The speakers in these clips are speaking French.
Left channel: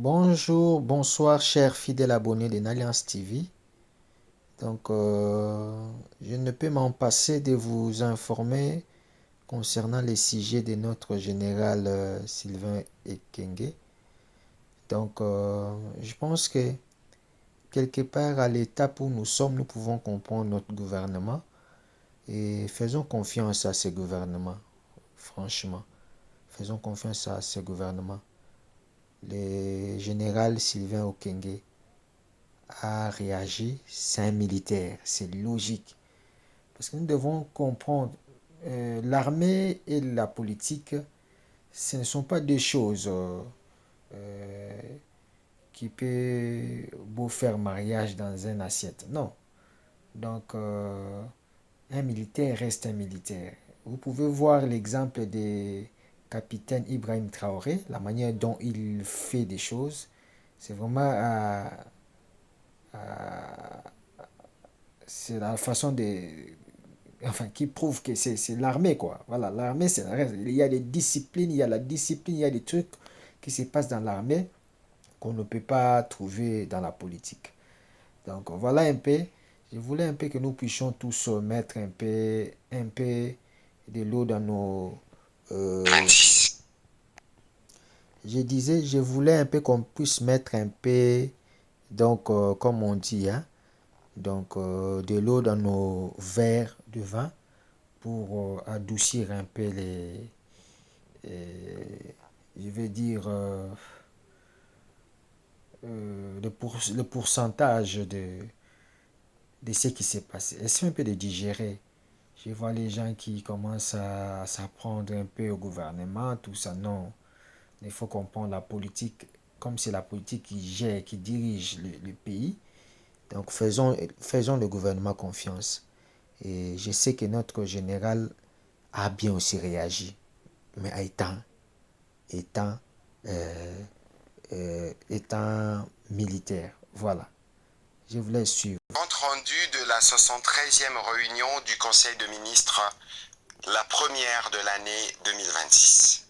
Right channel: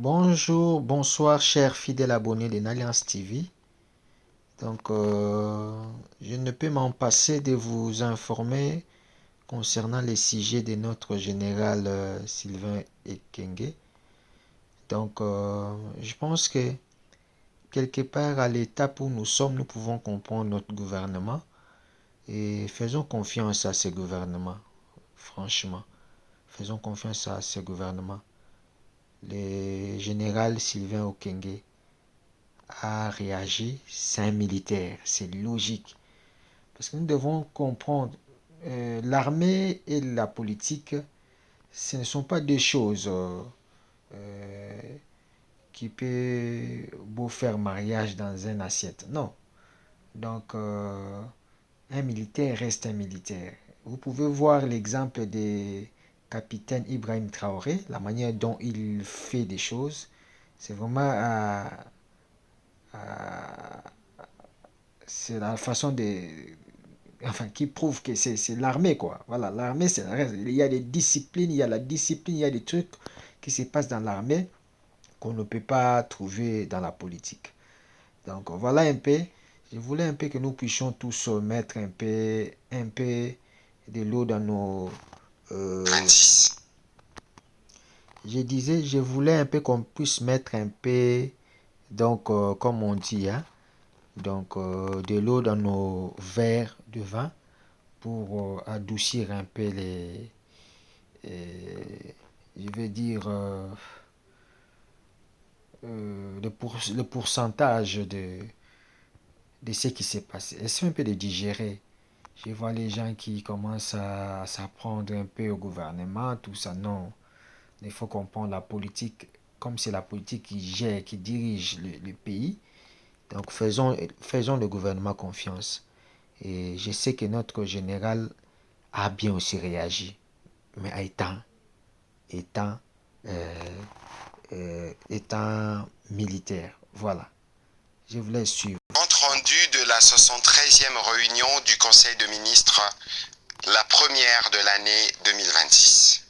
Bonjour, bonsoir, chers fidèles abonnés de Alliance TV. Donc, je ne peux m'en passer de vous informer concernant les sujets de notre général Sylvain Ekenge. Donc, je pense que quelque part à l'étape où nous sommes, nous pouvons comprendre notre gouvernement et faisons confiance à ce gouvernement, franchement. Faisons confiance à ce gouvernement. Le général Sylvain Okenge a réagi, c'est un militaire, c'est logique. Parce que nous devons comprendre, l'armée et la politique, ce ne sont pas deux choses euh, qui peuvent beau faire mariage dans une assiette. Non. Donc, un militaire reste un militaire. Vous pouvez voir l'exemple des capitaine Ibrahim Traoré, la manière dont il fait des choses. C'est vraiment à c'est la façon de, enfin, qui prouve que c'est l'armée, quoi. Voilà, l'armée, c'est la reste. Il y a des disciplines, il y a la discipline, il y a des trucs qui se passent dans l'armée qu'on ne peut pas trouver dans la politique. Donc, voilà un peu. Je voulais un peu que nous puissions tous mettre un peu de l'eau dans nos... je disais, je voulais un peu qu'on puisse mettre un peu, donc, comme on dit, hein, donc, de l'eau dans nos verres de vin pour adoucir un peu je vais dire, le pourcentage de ce qui s'est passé. Essaie un peu de digérer. Je vois les gens qui commencent à s'apprendre un peu au gouvernement, tout ça. Non, il faut comprendre la politique comme c'est la politique qui gère, qui dirige le pays. Donc faisons le gouvernement confiance. Et je sais que notre général a bien aussi réagi, mais étant, euh, étant militaire. Voilà, je vous laisse suivre. Compte rendu de la 73e réunion du Conseil de ministres, la première de l'année 2026.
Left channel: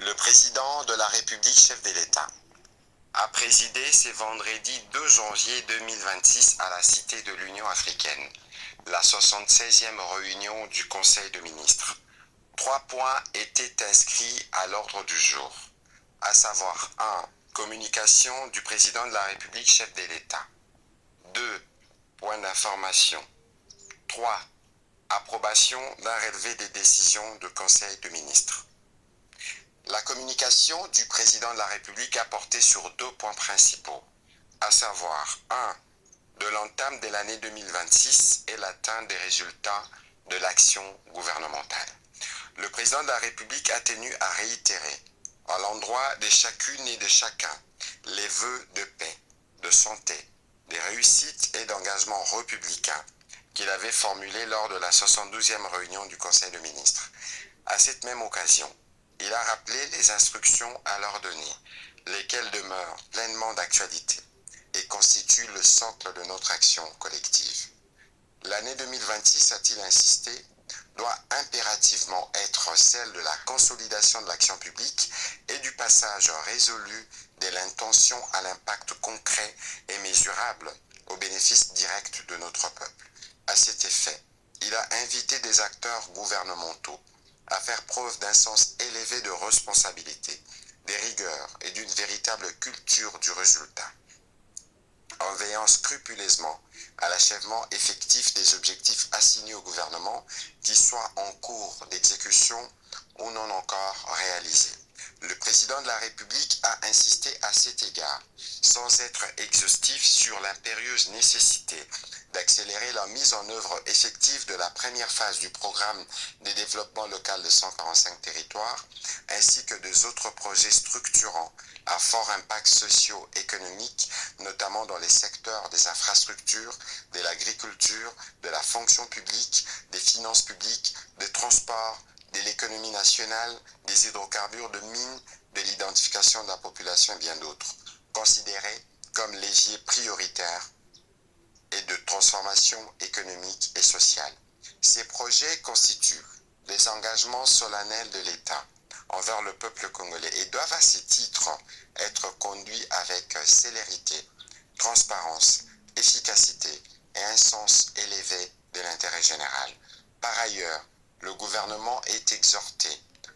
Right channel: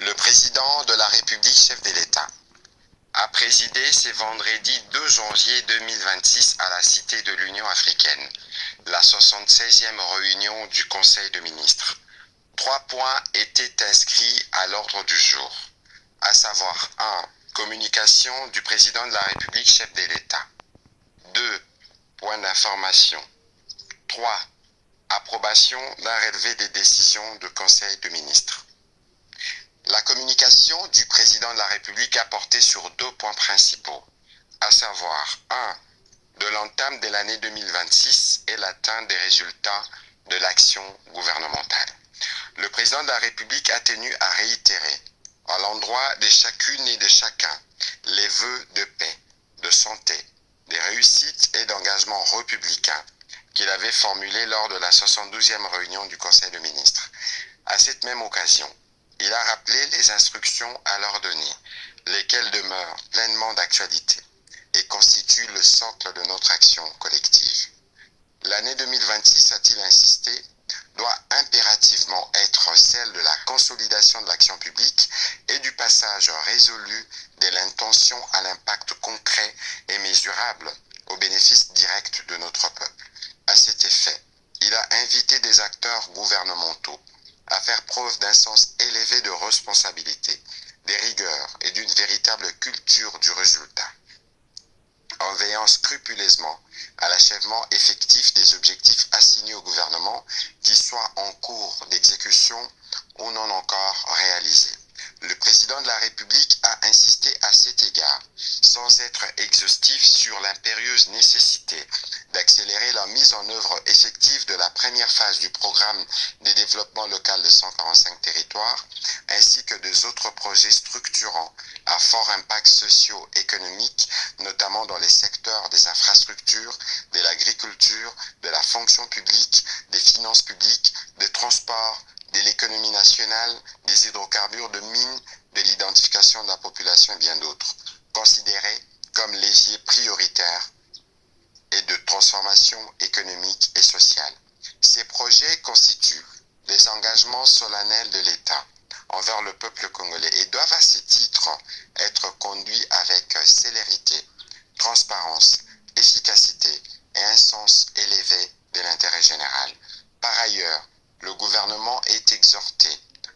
Le président de la République, chef de l'État, a présidé ce vendredi 2 janvier 2026 à la Cité de l'Union africaine, la 76e réunion du Conseil de ministres. 3 points étaient inscrits à l'ordre du jour, à savoir 1. Communication du président de la République, chef de l'État. 2. Point d'information. 3. Approbation d'un relevé des décisions du Conseil de ministres. La communication du président de la République a porté sur 2 points principaux, à savoir 1. De l'entame de l'année 2026 et l'atteinte des résultats de l'action gouvernementale. Le président de la République a tenu à réitérer, à l'endroit de chacune et de chacun, les vœux de paix, de santé, de réussite et d'engagement républicain qu'il avait formulés lors de la 72e réunion du Conseil de ministres. À cette même occasion, il a rappelé les instructions à leur donner, lesquelles demeurent pleinement d'actualité et constituent le socle de notre action collective. L'année 2026, a-t-il insisté, doit impérativement être celle de la consolidation de l'action publique et du passage résolu de l'intention à l'impact concret et mesurable au bénéfice direct de notre peuple. À cet effet, il a invité des acteurs gouvernementaux à faire preuve d'un sens élevé de responsabilité, de rigueur et d'une véritable culture du résultat, en veillant scrupuleusement à l'achèvement effectif des objectifs assignés au gouvernement, qu'ils soient en cours d'exécution ou non encore réalisés. Le président de la République a insisté à cet égard, sans être exhaustif, sur l'impérieuse nécessité d'accélérer la mise en œuvre effective de la première phase du programme de développement local de 145 territoires, ainsi que des autres projets structurants à fort impact socio-économique, notamment dans les secteurs des infrastructures, de l'agriculture, de la fonction publique, des finances publiques, des transports, de l'économie nationale, des hydrocarbures, de mines, de l'identification de la population et bien d'autres, considérés comme leviers prioritaires et de transformation économique et sociale. Ces projets constituent les engagements solennels de l'État envers le peuple congolais et doivent à ce titre être conduits avec célérité, transparence, efficacité et un sens élevé de l'intérêt général. Par ailleurs, le gouvernement est exhorté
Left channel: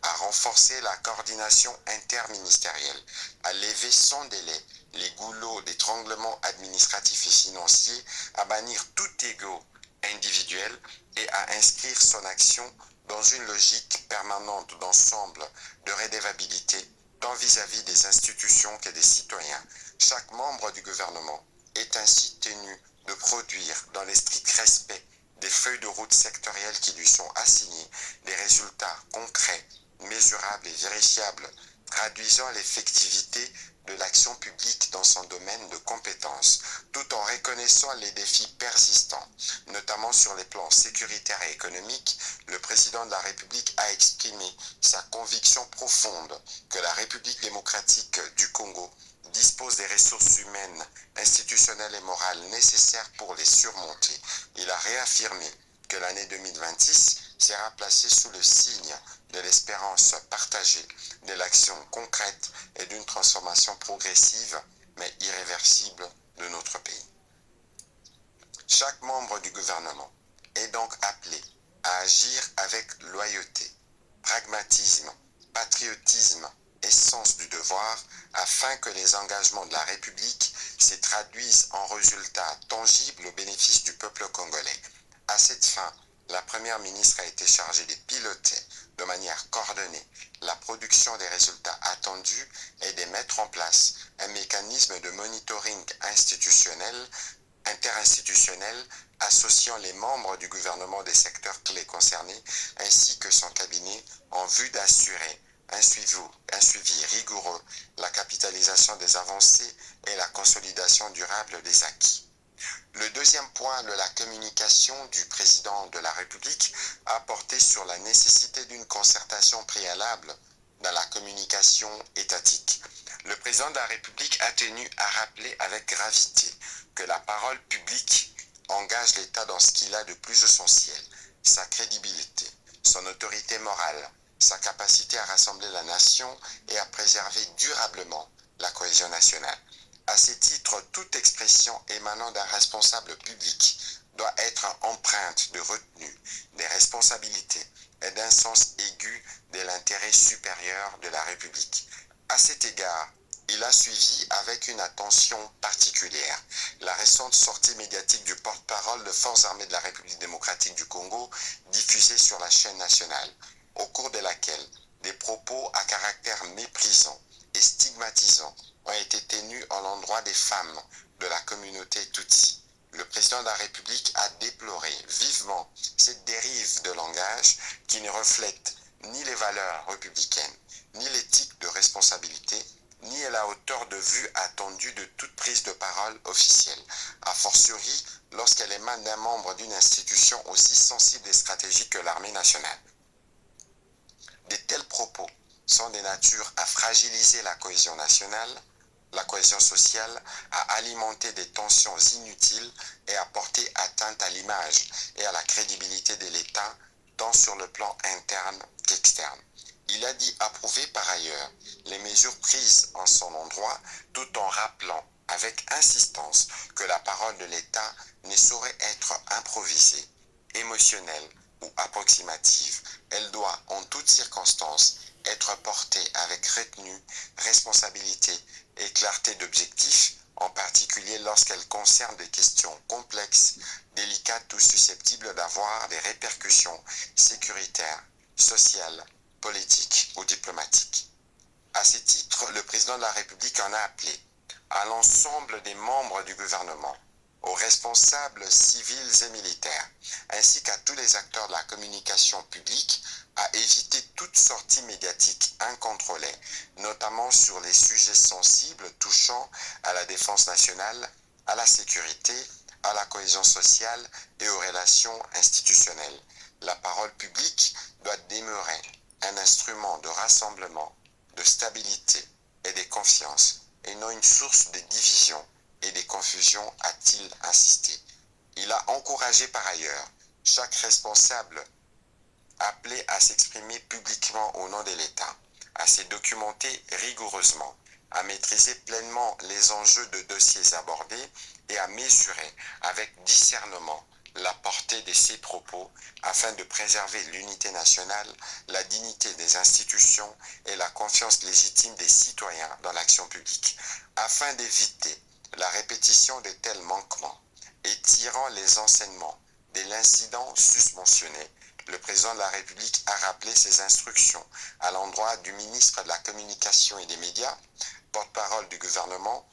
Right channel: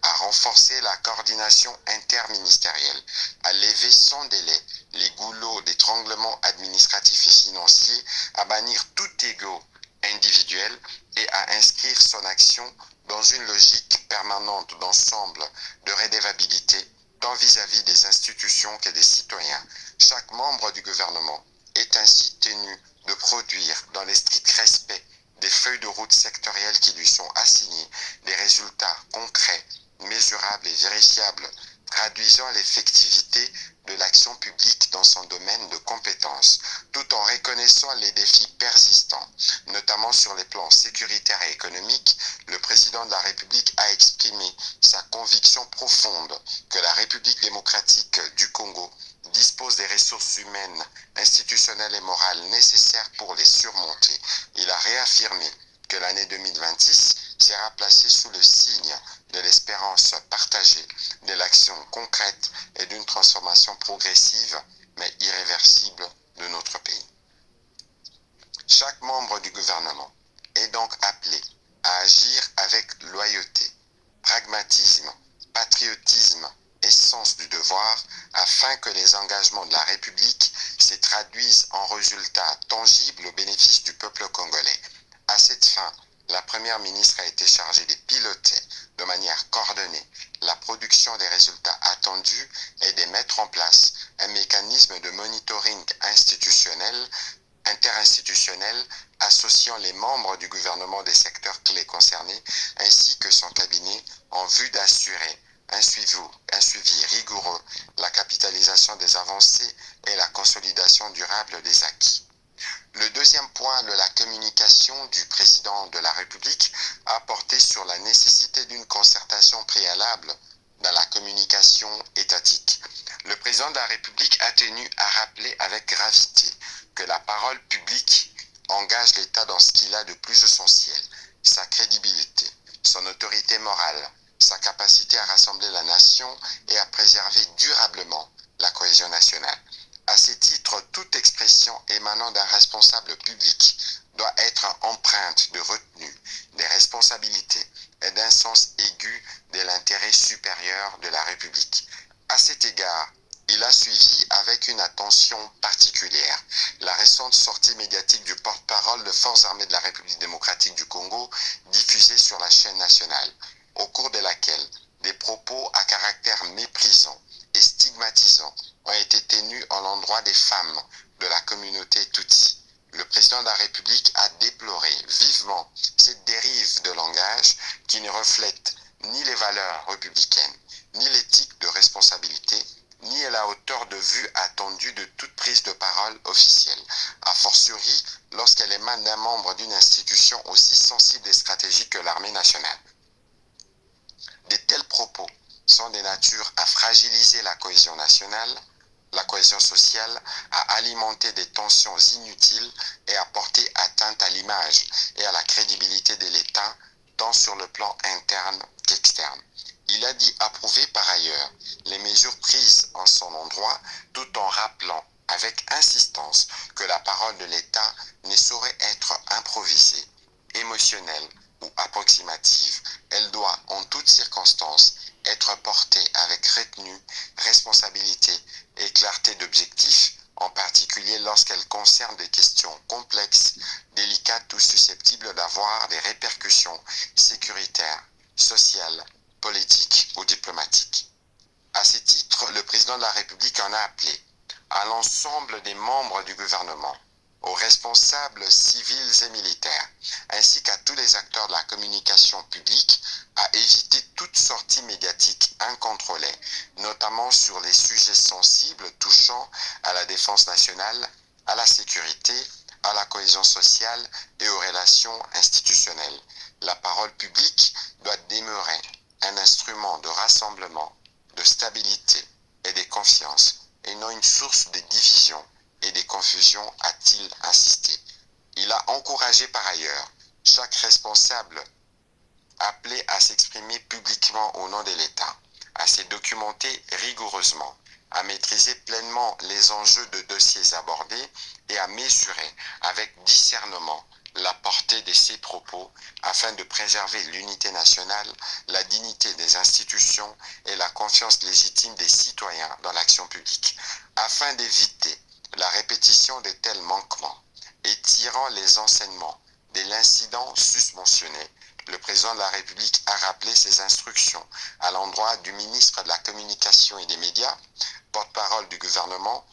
à renforcer la coordination interministérielle, à lever sans délai les goulots d'étranglement administratif et financier, à bannir tout égo individuel et à inscrire son action dans une logique permanente d'ensemble de redevabilité tant vis-à-vis des institutions que des citoyens. Chaque membre du gouvernement est ainsi tenu de produire, dans le strict respect des feuilles de route sectorielles qui lui sont assignées, des résultats concrets, mesurables et vérifiables, traduisant l'effectivité de l'action publique dans son domaine de compétences, tout en reconnaissant les défis persistants, notamment sur les plans sécuritaires et économiques. Le président de la République a exprimé sa conviction profonde que la République démocratique du Congo dispose des ressources humaines, institutionnelles et morales nécessaires pour les surmonter. Il a réaffirmé que l'année 2026 sera placée sous le signe de l'espérance partagée, de l'action concrète et d'une transformation progressive mais irréversible de notre pays. Chaque membre du gouvernement est donc appelé à agir avec loyauté, pragmatisme, patriotisme et sens du devoir afin que les engagements de la République se traduisent en résultats tangibles au bénéfice du peuple congolais. À cette fin, la Première ministre a été chargée de piloter de manière coordonnée la production des résultats attendus et de mettre en place un mécanisme de monitoring interinstitutionnel associant les membres du gouvernement des secteurs clés concernés ainsi que son cabinet en vue d'assurer un suivi rigoureux, la capitalisation des avancées et la consolidation durable des acquis. Le deuxième point de la communication du président de la République a porté sur la nécessité d'une concertation préalable dans la communication étatique. Le président de la République a tenu à rappeler avec gravité que la parole publique engage l'État dans ce qu'il a de plus essentiel, sa crédibilité, son autorité morale, sa capacité à rassembler la nation et à préserver durablement la cohésion nationale. À ce titre, toute expression émanant d'un responsable public doit être empreinte de retenue, des responsabilités et d'un sens aigu de l'intérêt supérieur de la République. À cet égard, il a suivi avec une attention particulière la récente sortie médiatique du porte-parole des Forces armées de la République démocratique du Congo, diffusée sur la chaîne nationale, au cours de laquelle des propos à caractère méprisant et stigmatisant ont été tenus à l'endroit des femmes de la communauté Tutsi. Le président de la République a déploré vivement cette dérive de langage qui ne reflète ni les valeurs républicaines, ni l'éthique de responsabilité, ni la hauteur de vue attendue de toute prise de parole officielle, a fortiori lorsqu'elle émane d'un membre d'une institution aussi sensible et stratégique que l'armée nationale. De tels propos sont de nature à fragiliser la cohésion nationale, la cohésion sociale, à alimenter des tensions inutiles et à porter atteinte à l'image et à la crédibilité de l'État, tant sur le plan interne qu'externe. Il a dit approuver par ailleurs les mesures prises en son endroit, tout en rappelant avec insistance que la parole de l'État ne saurait être improvisée, émotionnelle ou approximative. Elle doit, en toutes circonstances, être portée avec retenue, responsabilité et clarté d'objectifs, en particulier lorsqu'elle concerne des questions complexes, délicates ou susceptibles d'avoir des répercussions sécuritaires, sociales, politiques ou diplomatiques. À ce titre, le président de la République en a appelé à l'ensemble des membres du gouvernement, aux responsables civils et militaires, ainsi qu'à tous les acteurs de la communication publique, à éviter toute sortie médiatique incontrôlée, notamment sur les sujets sensibles touchant à la défense nationale, à la sécurité, à la cohésion sociale et aux relations institutionnelles. La parole publique doit demeurer un instrument de rassemblement, de stabilité et de confiance, et non une source de division et de confusion, a-t-il insisté. Il a encouragé par ailleurs chaque responsable appelé à s'exprimer publiquement au nom de l'État, à se documenter rigoureusement, à maîtriser pleinement les enjeux de dossiers abordés et à mesurer avec discernement la portée de ses propos afin de préserver l'unité nationale, la dignité des institutions et la confiance légitime des citoyens dans l'action publique, afin d'éviter la répétition de tels manquements et tirant les enseignements de l'incident susmentionné. Le président de la République a rappelé ses instructions à l'endroit du ministre de la Communication et des Médias, porte-parole du gouvernement,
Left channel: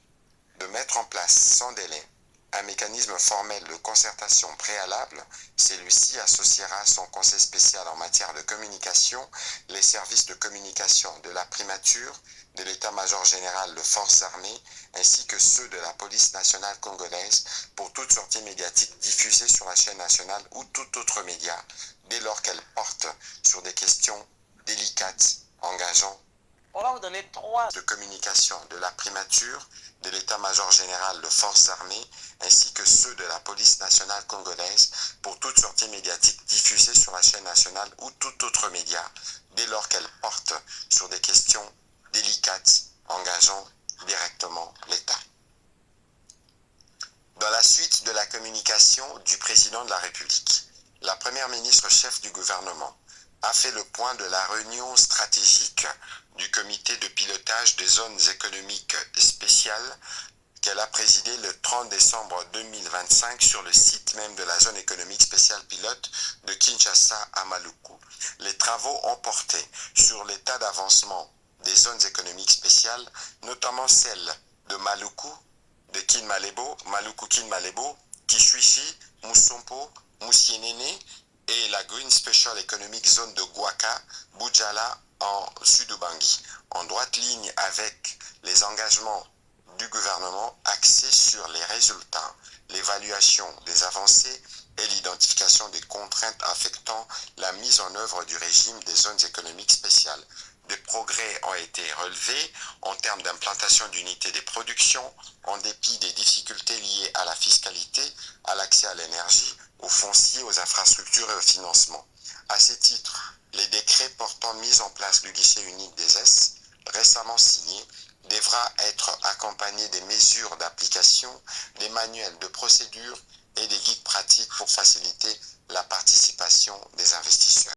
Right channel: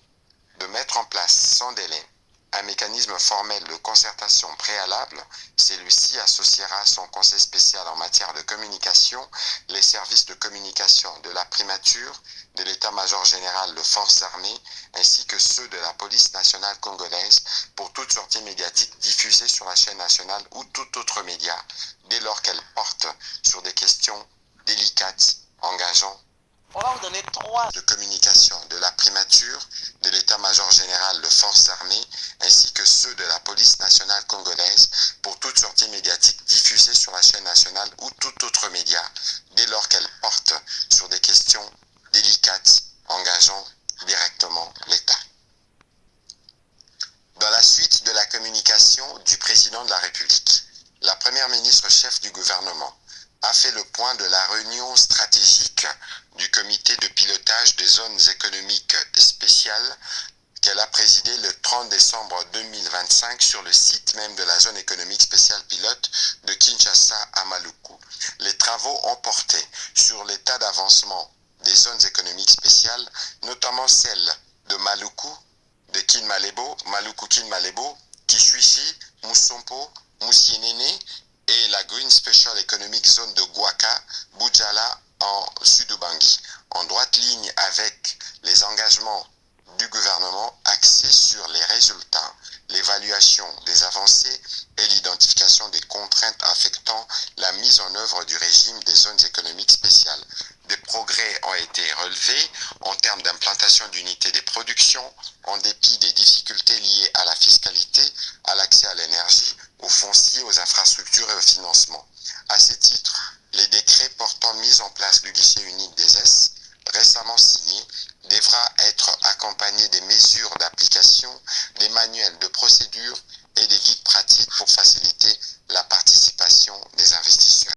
de mettre en place sans délai un mécanisme formel de concertation préalable. Celui-ci associera son conseil spécial en matière de communication, les services de communication de la primature, de l'état-major général de forces armées, ainsi que ceux de la police nationale congolaise pour toute sortie médiatique diffusée sur la chaîne nationale ou tout autre média, dès lors qu'elle porte sur des questions délicates engageant On va vous donner 3 de communication de la primature, de l'état-major général de forces armées, ainsi que ceux de la police nationale congolaise pour toute sortie médiatique diffusée sur la chaîne nationale ou tout autre média, dès lors qu'elle porte sur des questions délicates engageant directement l'État. Dans la suite de la communication du président de la République, la première ministre chef du gouvernement a fait le point de la réunion stratégique du comité de pilotage des zones économiques spéciales qu'elle a présidé le 30 décembre 2025 sur le site même de la zone économique spéciale pilote de Kinshasa à Maluku. Les travaux ont porté sur l'état d'avancement des zones économiques spéciales, notamment celles de Maluku, de Kinmalebo, Maluku-Kinmalebo, Kishwishi, Musompo, Musienene et la Green Special Economic Zone de Guaka, Bujala en Sud-Ubangi, en droite ligne avec les engagements du gouvernement axés sur les résultats, l'évaluation des avancées et l'identification des contraintes affectant la mise en œuvre du régime des zones économiques spéciales. Des progrès ont été relevés en termes d'implantation d'unités de production, en dépit des difficultés liées à la fiscalité, à l'accès à l'énergie, aux fonciers, aux infrastructures et au financement. À ce titre, les décrets portant mise en place du guichet unique des S, récemment signé, devra être accompagné des mesures d'application, des manuels de procédure et des guides pratiques pour faciliter la participation des investisseurs.